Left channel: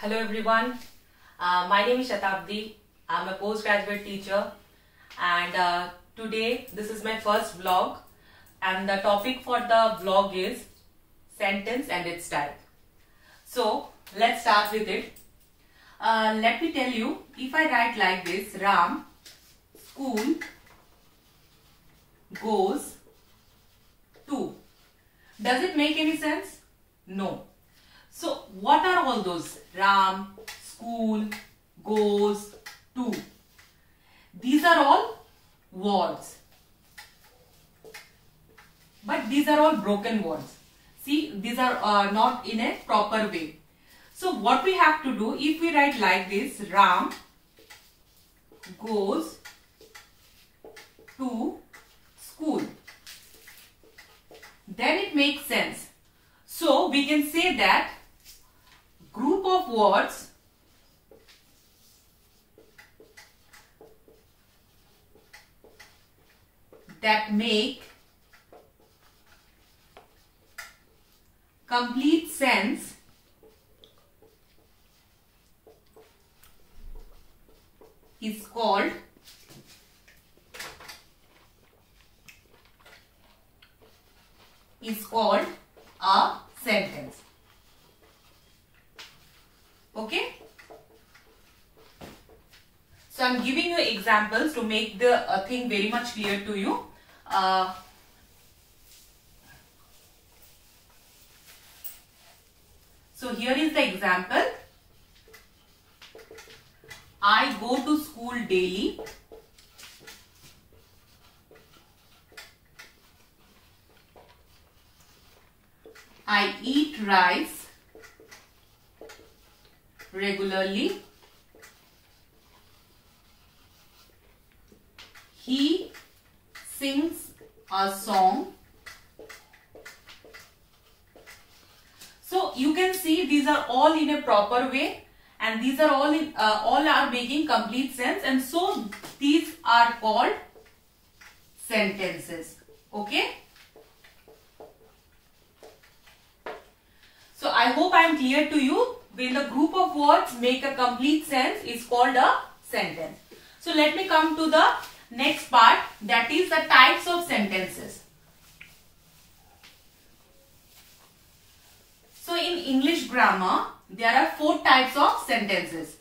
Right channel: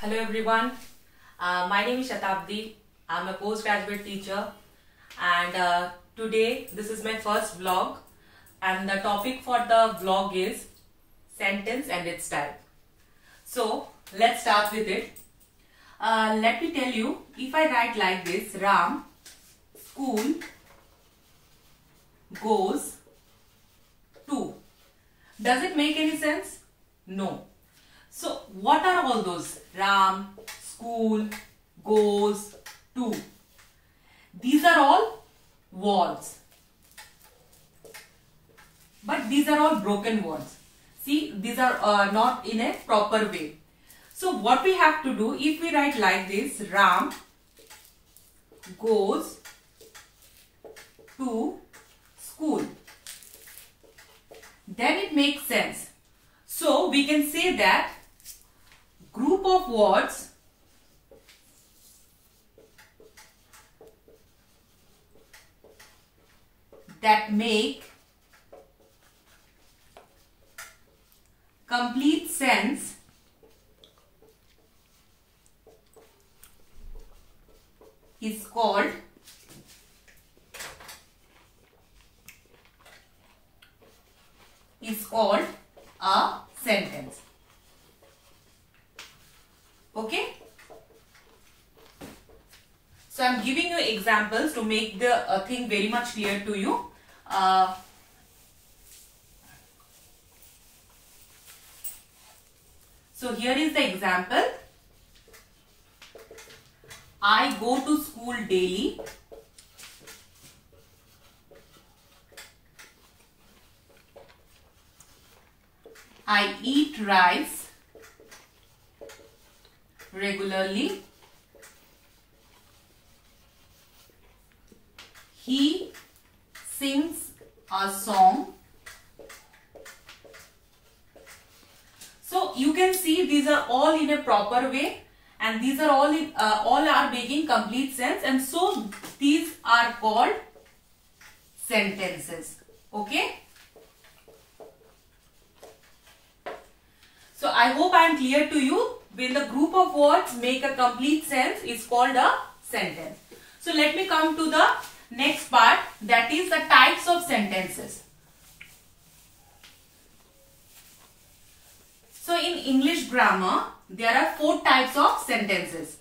Hello everyone, my name is Shatabdi. I'm a postgraduate teacher and today this is my first vlog and the topic for the vlog is sentence and its type. So let's start with it. Let me tell you, if I write like this, Ram school goes to. Does it make any sense? No. So what are all those? Ram, school, goes, to. These are all words. But these are all broken words. See, these are not in a proper way. So what we have to do, if we write like this, Ram goes to school, then it makes sense. So we can say that group of words that make complete sense is called a sentence. Okay? So I'm giving you examples to make the thing very much clear to you. So here is the example. I go to school daily. I eat rice regularly. He sings a song. So you can see these are all in a proper way and these are all are making complete sense, and so these are called sentences. Okay? So I hope I am clear to you. When the group of words make a complete sense is called a sentence. So let me come to the next part, that is the types of sentences. So in English grammar there are 4 types of sentences.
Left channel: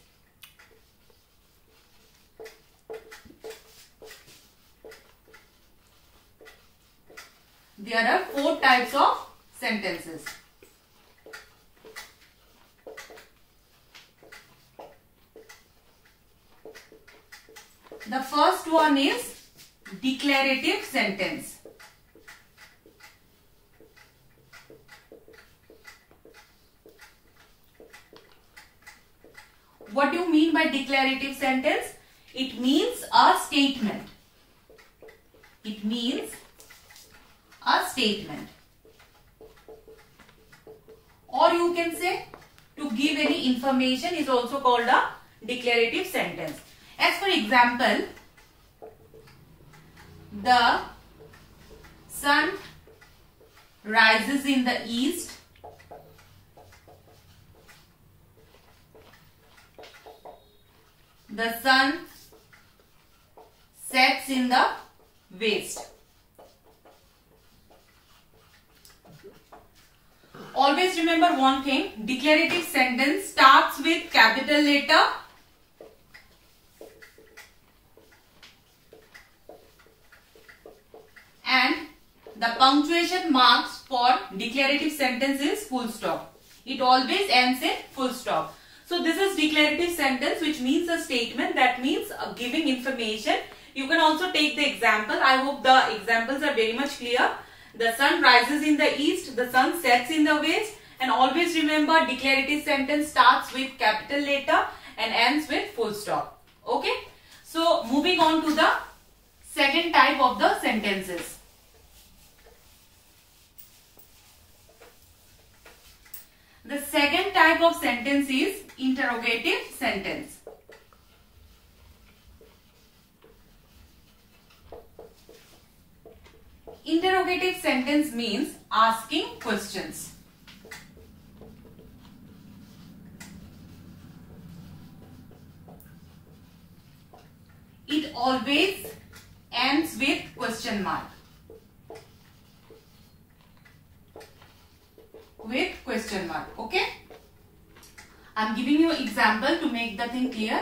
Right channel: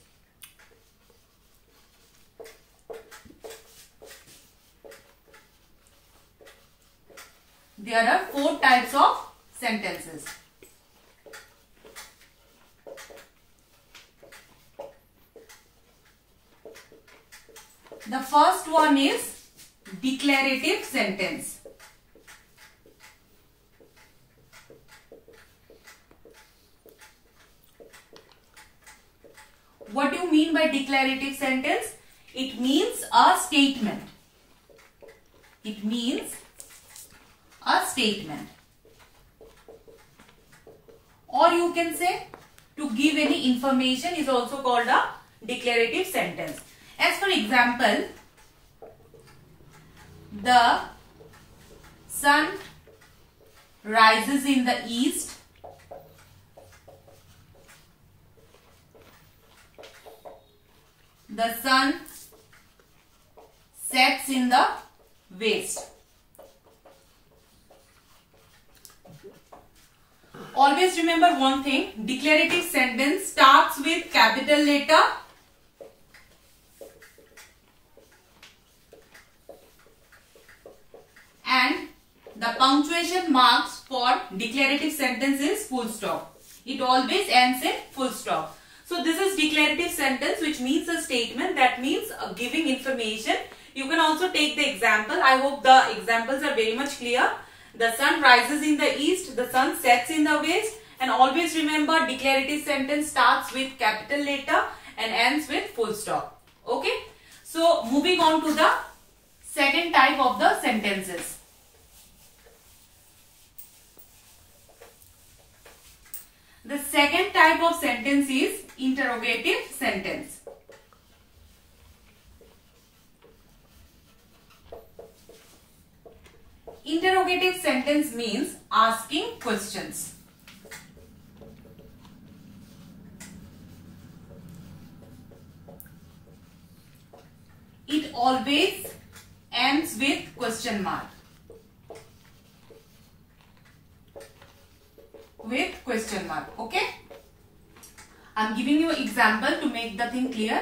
There are 4 types of sentences. The first one is declarative sentence. What do you mean by declarative sentence? It means a statement. It means a statement. Or you can say to give any information is also called a declarative sentence. As for example, the sun rises in the east. The sun sets in the west. Always remember one thing, declarative sentence starts with capital letter and the punctuation marks for declarative sentence is full stop. It always ends in full stop. So this is declarative sentence, which means a statement, that means giving information. You can also take the example. I hope the examples are very much clear. The sun rises in the east, the sun sets in the west, and always remember declarative sentence starts with capital letter and ends with full stop. Okay? So moving on to the second type of the sentences. The second type of sentence is interrogative sentence. Interrogative sentence means asking questions. always ends with question mark. With question mark. Okay. I'm giving you an example to make the thing clear.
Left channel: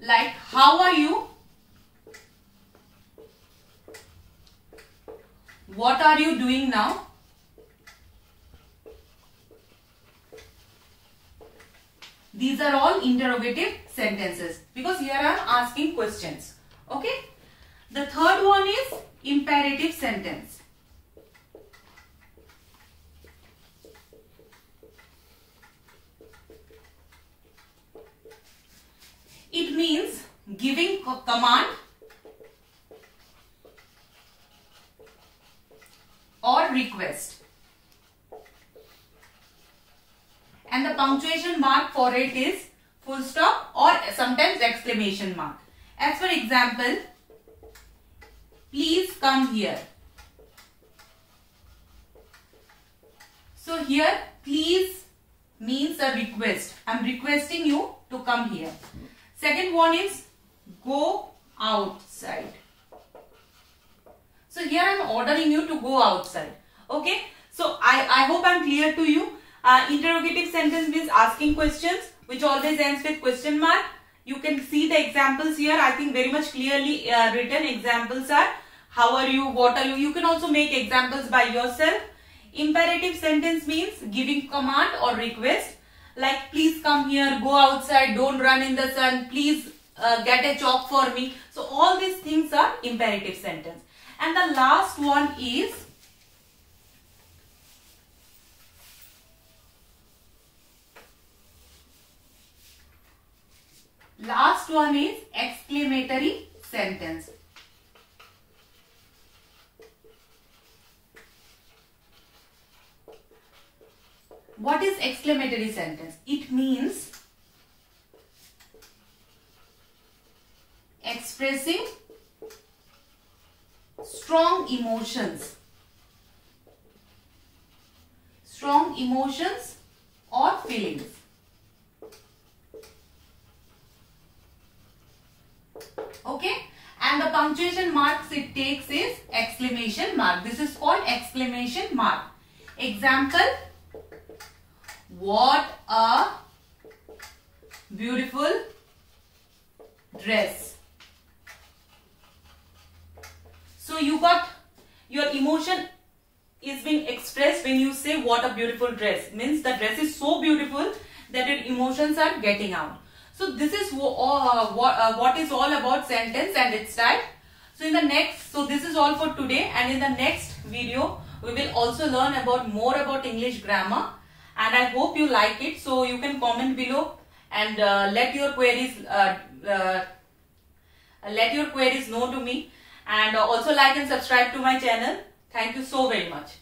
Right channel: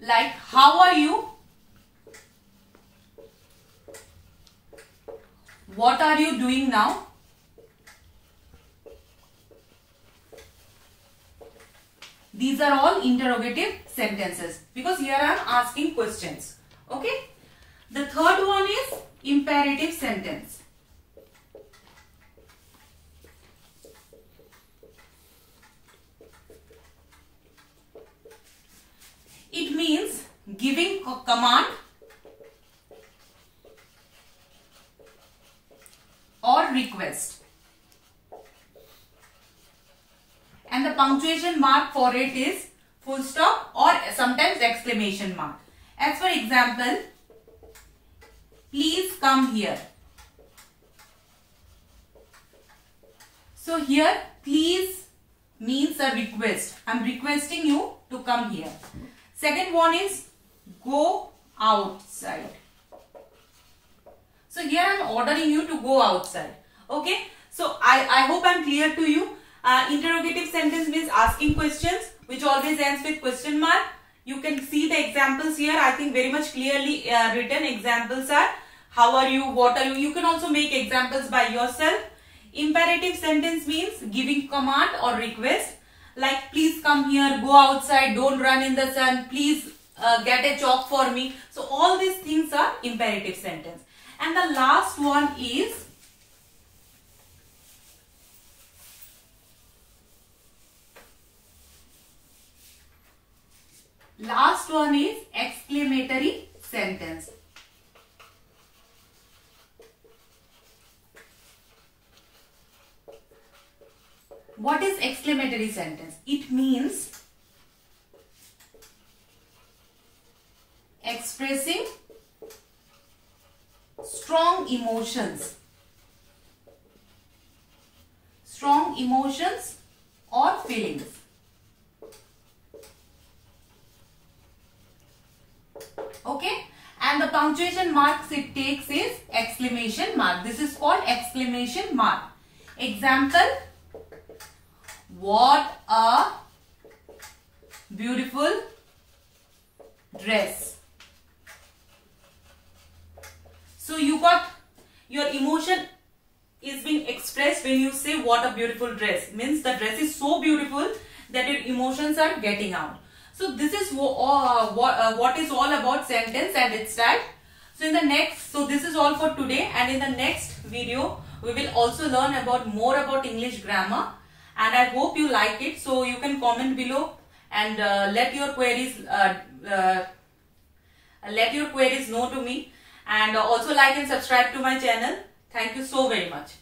Like, how are you? What are you doing now? These are all interrogative sentences because here I am asking questions. Okay. The third one is imperative sentence. It means giving a command or request. And the punctuation mark for it is full stop or sometimes exclamation mark. As for example, please come here. So here, please means a request. I am requesting you to come here. Second one is go outside. So here I am ordering you to go outside. Okay. So I hope I am clear to you. Interrogative sentence means asking questions which always ends with question mark. You can see the examples here. I think very much clearly written examples are how are you, what are you. You can also make examples by yourself. Imperative sentence means giving command or request. Like please come here, go outside, don't run in the sun, please get a chalk for me. So all these things are imperative sentence. And the last one is exclamatory sentence. What is exclamatory sentence? It means expressing strong emotions or feelings. Okay, and the punctuation marks it takes is exclamation mark. This is called exclamation mark. Example, what a beautiful dress. So you got your emotion is being expressed when you say what a beautiful dress. Means the dress is so beautiful that your emotions are getting out. So this is what is all about sentence and its type. So this is all for today, and in the next video we will also learn about more about English grammar, and I hope you like it. So you can comment below and let your queries know to me, and also like and subscribe to my channel. Thank you so very much.